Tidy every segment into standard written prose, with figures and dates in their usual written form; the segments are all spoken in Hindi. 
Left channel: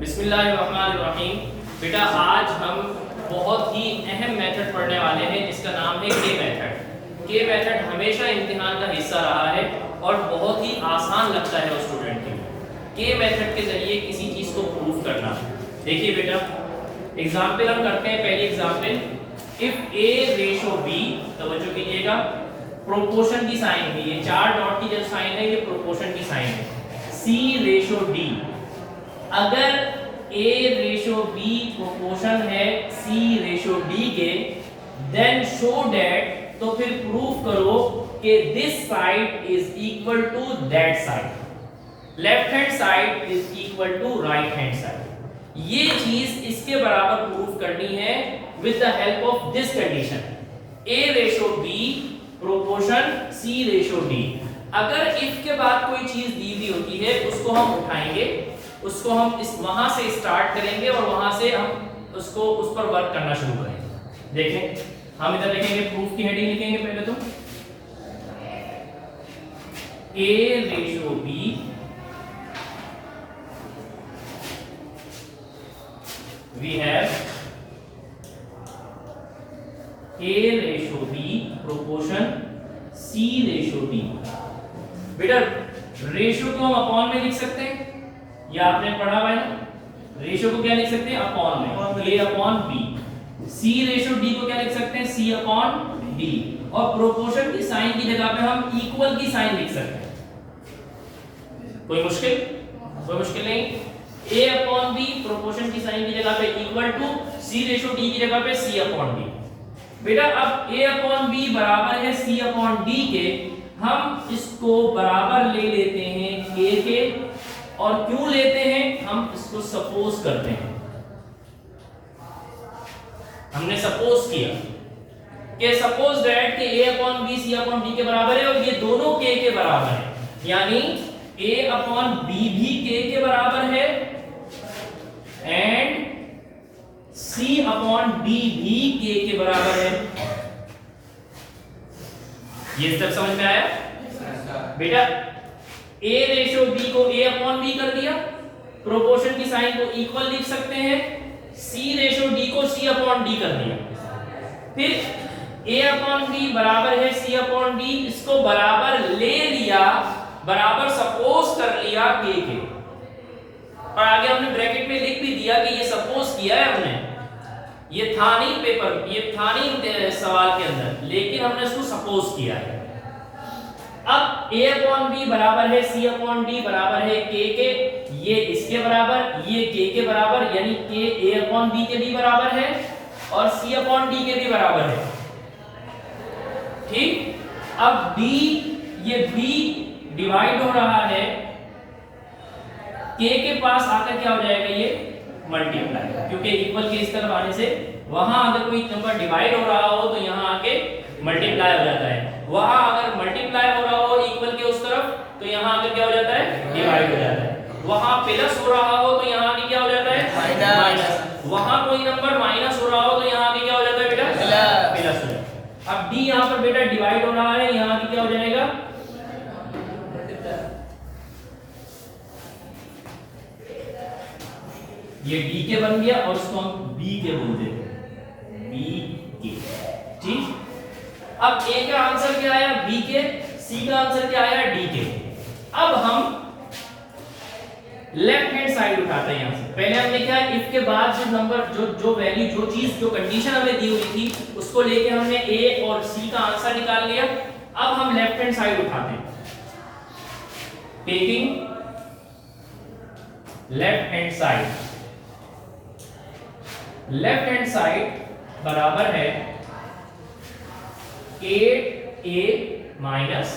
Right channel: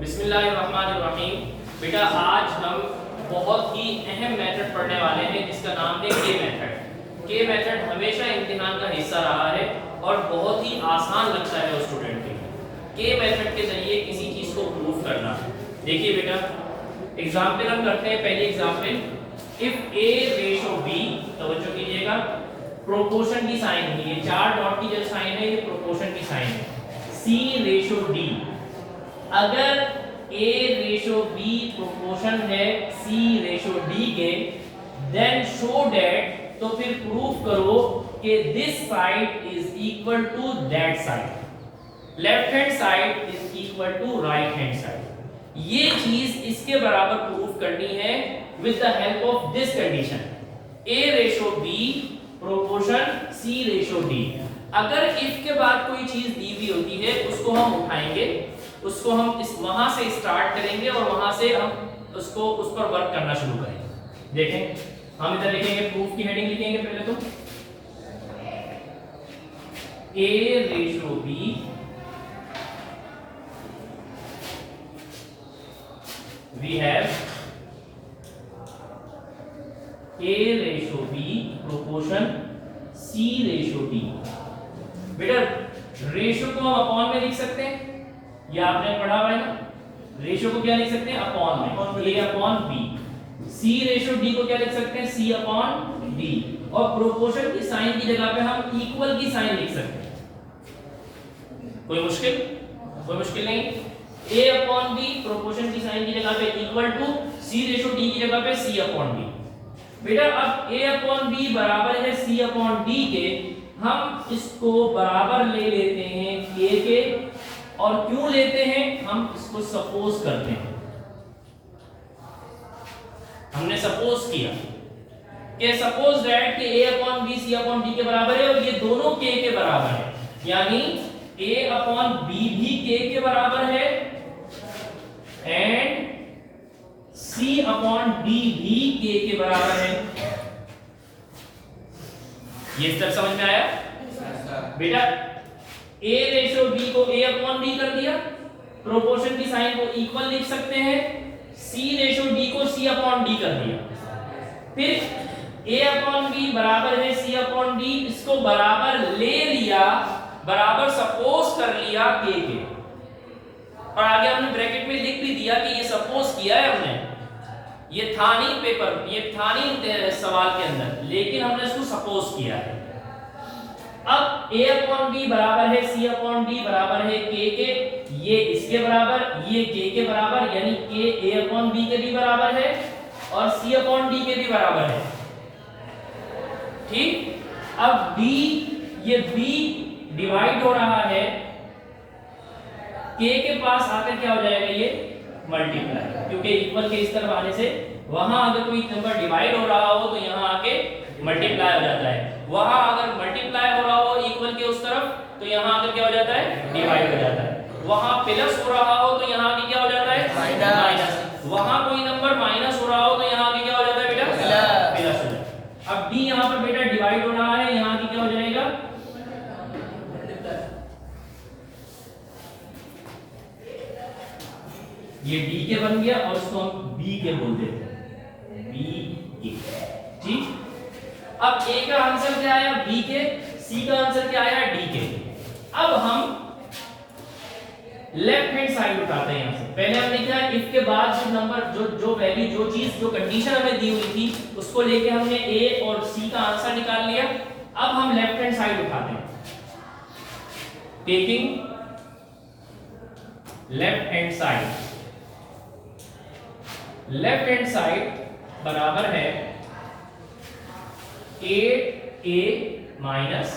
बिस्मिल्लाहिर्रहमानिर्रहीम। बेटा आज हम बहुत ही अहम मेथड पढ़ने वाले हैं जिसका नाम है के मेथड। के मेथड हमेशा इम्तिहान का हिस्सा रहा है और बहुत ही आसान लगता है स्टूडेंट के लिए। के मेथड के जरिए किसी चीज को प्रूफ करना। देखिए बेटा एग्जाम्पल हम करते हैं। पहली example, if A ratio B, तवज्जो कीजिएगा, प्रोपोर्शन की साइन है, ये चार डॉट की जो साइन है ये प्रोपोर्शन की साइन है। सी रेशो डी, अगर A रेशो B प्रोपोर्शन है C रेशो D के, देन शो दैट, तो फिर प्रूफ करो कि this side is equal to that side, left hand side is equal to right hand side. ये चीज इसके बराबर प्रूफ करनी है with the help of this condition, A ratio B proportion C ratio D। अगर इफ के बाद कोई चीज दी हुई होती है उसको हम उठाएंगे, उसको हम इस वहां से स्टार्ट करेंगे और वहां से हम उसको उस पर वर्क करना शुरू करेंगे। देखें हम इधर लिखेंगे, प्रूफ की हेडिंग लिखेंगे पहले तो A ratio B we have A ratio B proportion C ratio D। बेटा रेशो को हम अपॉन में लिख सकते हैं, ये आपने पढ़ा हुआ है ना। रेशो को क्या लिख सकते हैं? अपॉन में, A upon B। C ratio D को क्या लिख सकते हैं? C upon D। और प्रोपोर्शन की साइन की जगह पे हम इक्वल की साइन लिख सकते हैं। कोई मुश्किल? कोई मुश्किल नहीं। A अपॉन B प्रोपोर्शन की साइन की जगह पे equal to C ratio D की जगह पे C अपॉन D। बेटा अब A अपॉन B बराबर है C अपॉन D के, हम इसको बराबर ले लेते हैं K के। और क्यों लेते हैं? हम इसको सपोज करते हैं। हमने सपोज किया कि सपोज दैट कि A upon B C upon D के बराबर है और ये दोनों K के बराबर है, यानी A अपॉन B भी K के बराबर है एंड C अपॉन D भी K के बराबर है। ये स्टेप समझ में आया? बेटा A रेशो B को A अपॉन B कर दिया, प्रोपोर्शन की साइन को इक्वल लिख सकते हैं, C रेशो D को C अपॉन D कर दिया, फिर A अपॉन B बराबर है C अपॉन D, इसको बराबर ले लिया, बराबर सपोज कर लिया K के, और आगे हमने ब्रैकेट में लिख भी दिया कि ये सपोज किया है हमने, ये था नहीं पेपर, ये था नहीं सवाल के अंदर, लेकिन हमने इसको सपोज किया है। अब A अपॉन B बराबर है C अपॉन D बराबर है K के, ये इसके बराबर, ये K के बराबर, यानी K A अपॉन B के भी बराबर है और C अपॉन D के भी बराबर है। ठीक, अब D, ये B डिवाइड हो रहा है, K के पास आकर क्या हो जाएगा? ये मल्टीप्लाई, क्योंकि इक्वल के इस तरफ आने से वहां अगर कोई नंबर डिवाइड हो रहा हो तो यहाँ आके मल्टीप्लाई हो जाता है, वहां अगर मल्टीप्लाई हो रहा हो इक्वल के उस तरफ तो यहाँ आकर क्या हो जाता है? डिवाइड हो जाता है। वहां प्लस हो रहा हो तो यहाँ आके क्या हो जाता है? माइनस। वहां कोई नंबर माइनस हो रहा हो तो यहाँ आके क्या हो जाता है बेटा? प्लस हो जाता है। अब D यहाँ पर बेटा डिवाइड हो रहा है, यहाँ आके क्या हो जाएगा? ये D के बन गया और इसको हम B के बोल देते हैं, B के। ठीक, अब A का आंसर क्या आया? B के, C का आंसर क्या आया? D के। अब हम लेफ्ट हैंड साइड उठाते हैं। यहां से पहले हमने क्या है, इफ के बाद जो नंबर, जो वैल्यू, जो चीज, जो कंडीशन हमें दी हुई थी उसको लेके हमने A और C का आंसर निकाल लिया। अब हम लेफ्ट हैंड साइड उठाते हैं, taking left hand side. Left hand side बराबर है 8A माइनस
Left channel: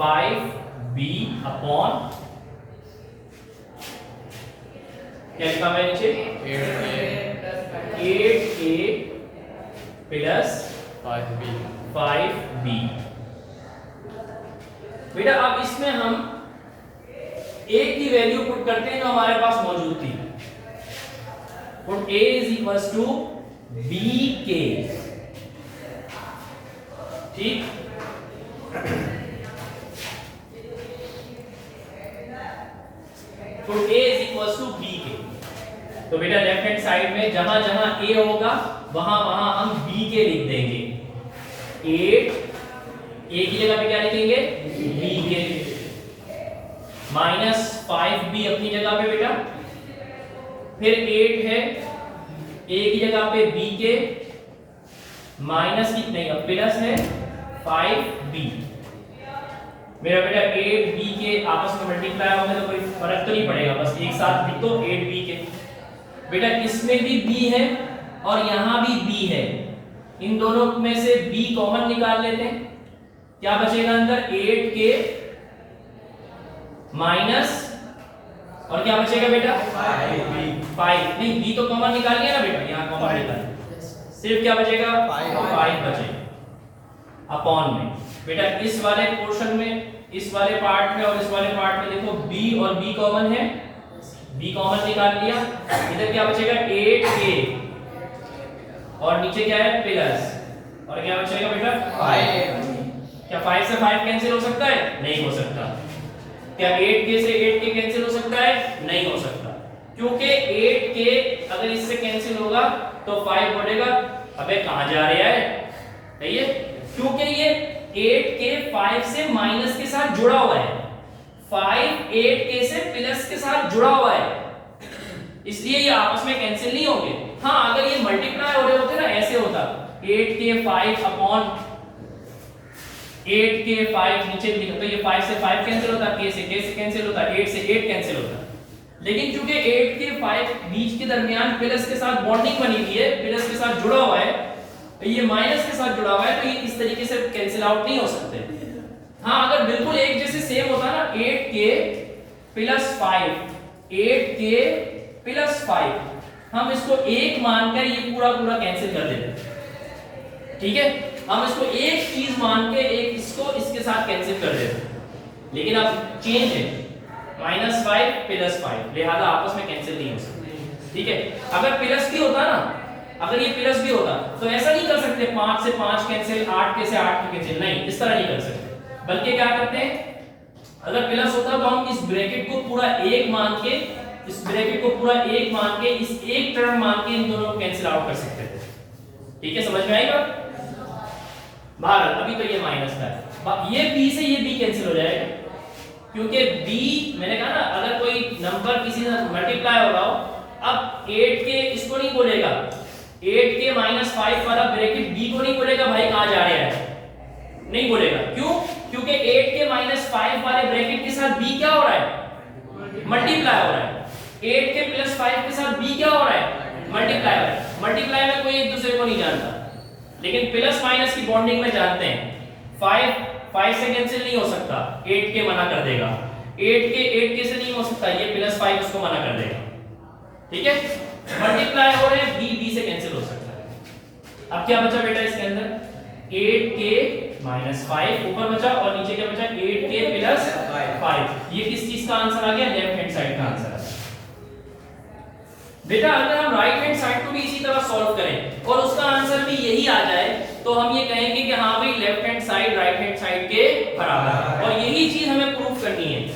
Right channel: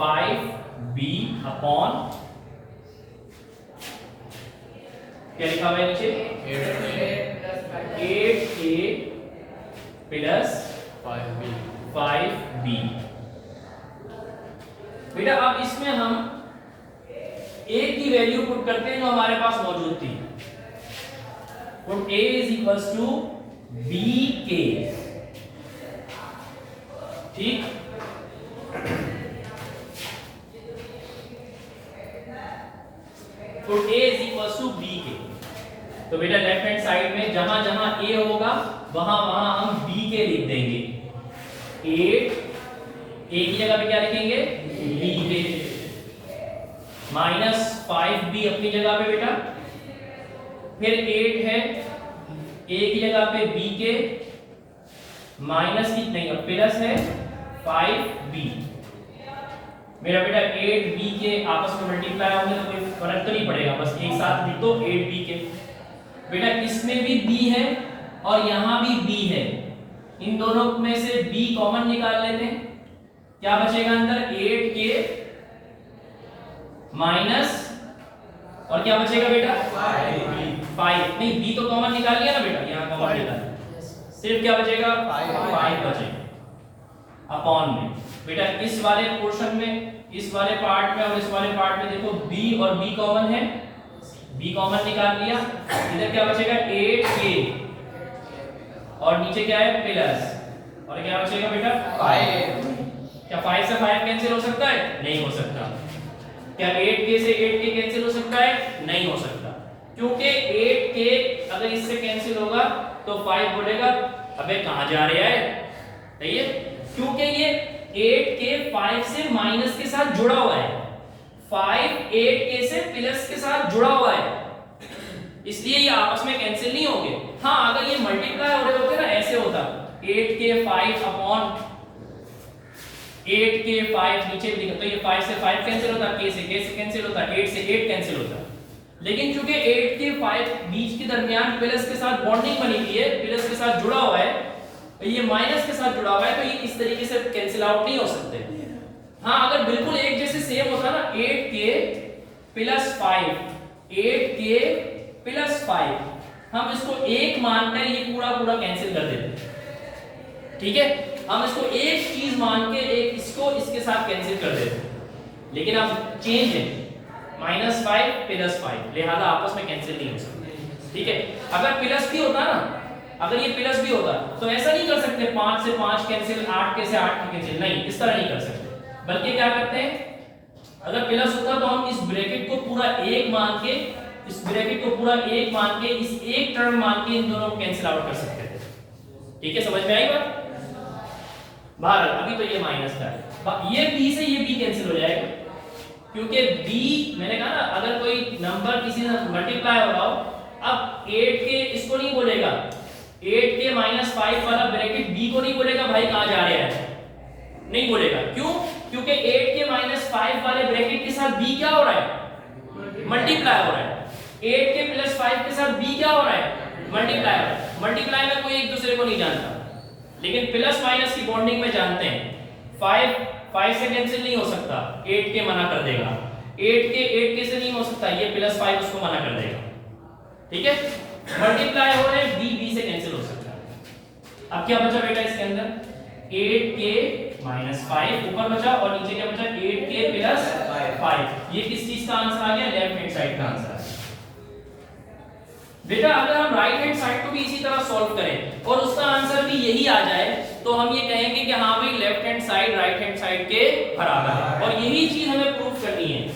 5B अपॉन, क्या लिखा है नीचे? 8A plus 5B। बेटा अब इसमें हम A की वैल्यू पुट करते हैं जो हमारे पास मौजूद थी, put A is equals to BK। ठीक, तो A is equals to B के। तो बेटा लेफ्ट हैंड साइड में जहां जहां a होगा वहां वहां हम b के लिख देंगे। 8 a की जगह पे क्या लिखेंगे b के, माइनस 5b अपनी जगह पे बेटा, फिर 8 है a की जगह पे b के, माइनस की नहीं अब प्लस है 5b। मेरा बेटा 8b के आपस में मल्टीप्लाई होंगे तो कोई फर्क तो नहीं पड़ेगा, बस एक साथ लिख दो 8b के। बेटा इसमें भी b है और यहां भी b है, इन दोनों में से b कॉमन निकाल लेते हैं, क्या बचेगा अंदर 8k माइनस और क्या बचेगा बेटा 5 नहीं b तो कॉमन निकाल लिया ना बेटा, यहां कॉमन निकाल, सिर्फ क्या बचेगा 5 बचेगा अपॉन में। बेटा इस वाले पोर्शन में, इस वाले पार्ट में और इस वाले पार्ट में देखो b और b कॉमन है, b कॉमन निकाल लिया, इधर क्या बचेगा 8k और नीचे क्या है प्लस और क्या बचेगा बेटा 5। क्या 5 से 5 कैंसिल हो सकता है? नहीं हो सकता। क्या 8k से 8k कैंसिल हो सकता है? नहीं हो सकता, क्योंकि 8k अगर इससे कैंसिल होगा तो 5 बढ़ेगा। अबे कहां जा रहा है? सही है, क्योंकि ये 8k 5 से माइनस के साथ जुड़ा हुआ है, 5 8k से प्लस के साथ जुड़ा हुआ है, इसलिए ये आपस में कैंसिल नहीं होंगे। हाँ अगर ये मल्टीप्लाई हो रहे होते ना, ऐसे होता 8k 5 अपॉन 8k 5 नीचे लिखो तो ये 5 से 5 कैंसिल होता, k से कैंसिल होता, 8 से 8 कैंसिल होता। लेकिन क्योंकि 8k 5 बीच के दरमियान प्लस के साथ बॉन्डिंग बनी हुई है, प्लस के साथ जुड़ा हुआ है, ये माइनस के साथ जुड़ा हुआ है, तो ये इस तरीके से कैंसिल आउट नहीं हो सकते। हाँ अगर बिल्कुल एक जैसे सेम होता ना 8k प्लस 5 8k प्लस 5, हम इसको एक मानकर ये पूरा पूरा कैंसिल कर देते, ठीक है, हम इसको एक चीज मान के एक इसको इसके साथ कैंसिल कर देते। लेकिन अब चेंज है -5 प्लस 5, लिहाजा आपस में कैंसिल नहीं हो सकते, ठीक है। अगर प्लस भी होता ना, अगर ये प्लस भी होता तो ऐसा नहीं कर सकते 5 से 5 कैंसिल, 8k से 8k कैंसिल, नहीं इस तरह नहीं कर सकते। बल्कि क्या करते हैं, अगर प्लस होता तो हम इस ब्रैकेट को पूरा एक मान के, इस ब्रैकेट को पूरा एक मान के, इस एक टर्म मान के इन दोनों को कैंसिल आउट कर सकते थे, ठीक है, समझ में आई बात? बाहर अभी तो ये माइनस था, ये b से ये b कैंसिल हो जाएगा, क्योंकि b मैंने कहा ना अगर कोई नंबर किसी से मल्टीप्लाई हो रहा हो, अब 8k इसको नहीं बोलेगा, 8k -5 वाला ब्रैकेट b को नहीं बोलेगा भाई कहां जा रहा है, नहीं बोलेगा। क्यों? क्योंकि 8k -5 वाले ब्रैकेट के साथ b क्या हो रहा है, मल्टीप्लाई हो रहा है। 8k + 5 के साथ b क्या हो रहा है, मल्टीप्लाई हो रहा है। मल्टीप्लाई में कोई एक दूसरे को नहीं जानता, लेकिन प्लस माइनस की बॉन्डिंग में जानते हैं। 5 से कैंसिल नहीं हो सकता, 8k मना कर देगा, 8k से नहीं हो सकता, ये +5 उसको मना कर देगा, ठीक है। मल्टीप्लाई हो रहे हैं, b से कैंसिल हो सकता है। अब क्या बचा बेटा इसके अंदर, 8k -5 ऊपर बचा और नीचे क्या बचा, 8k + 5। ये किस चीज का आंसर आ गया, लेफ्ट हैंड साइड का आंसर। बेटा अगर हम राइट हैंड साइड को भी इसी तरह सॉल्व करें और उसका आंसर भी यही आ जाए तो हम ये कहेंगे कि हाँ भाई left hand side right hand side के बराबर है, और यही चीज हमें प्रूव करनी है,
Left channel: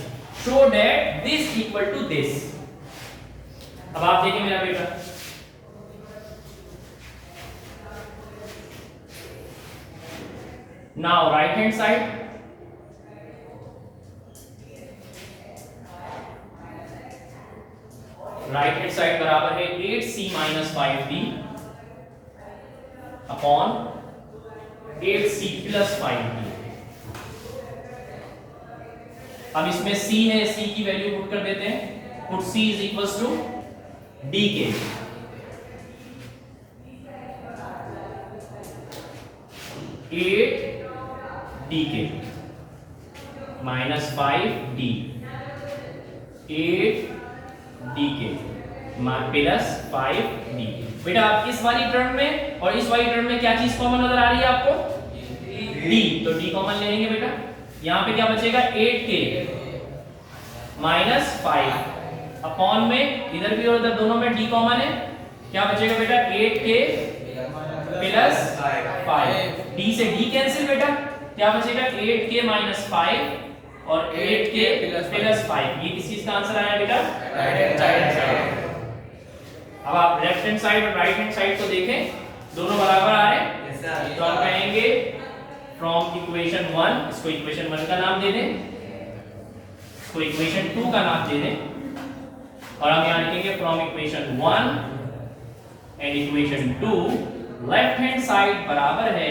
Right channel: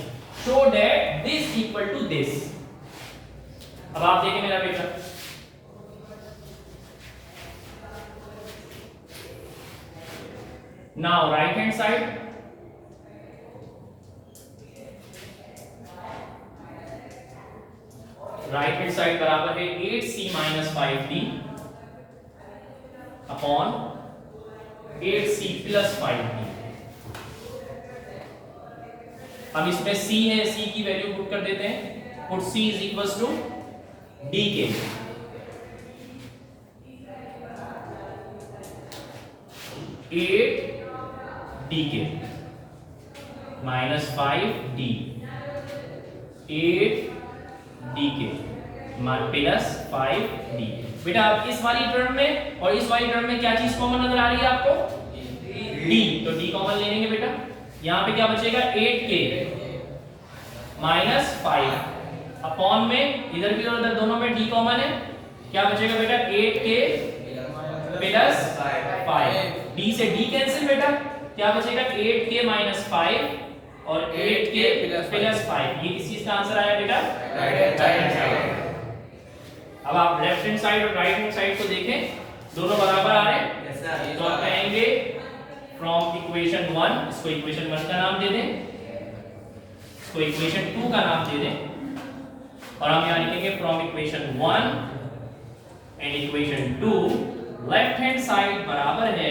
show that this equal to this. अब आप देखिए मेरा बेटा, now right hand side, right hand side बराबर है 8c - 5d upon 8c + 5d। अब इसमें c है, c की वैल्यू पुट कर देते हैं, put c = dk। dk -5d 8 dk plus 5d। बेटा आप इस वाली टर्म में और इस वाली टर्म में क्या चीज कॉमन नजर आ रही है आपको, d, तो d कॉमन ले लेंगे बेटा। यहां पे क्या बचेगा, 8k -5 अपॉन में इधर भी और उधर दोनों में d कॉमन है, क्या बचेगा बेटा 8k + 5, d से d कैंसिल बेटा, क्या बचेगा 8k -5 और 8k + 5। ये किस चीज का आंसर आया बेटा, right hand side. Hand side और राइट हैंड साइड को देखें, दोनों बराबर आ रहे हैं, तो आप कहेंगे फ्रॉम इक्वेशन 1, इसको इक्वेशन 1 का नाम दे दें, इसको इक्वेशन 2 का नाम दे दें, और हम यहाँ लिखेंगे from equation 1 and equation 2 left hand side बराबर है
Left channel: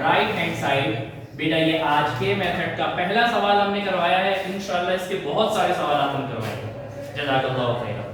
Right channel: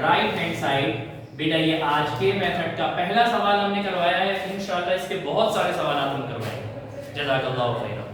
राइट हैंड साइड। बेटा ये आज के मेथड का पहला सवाल हमने करवाया है, इंशाल्लाह इसके बहुत सारे सवाल हम करवाएंगे। जज़ाकल्लाह खैर।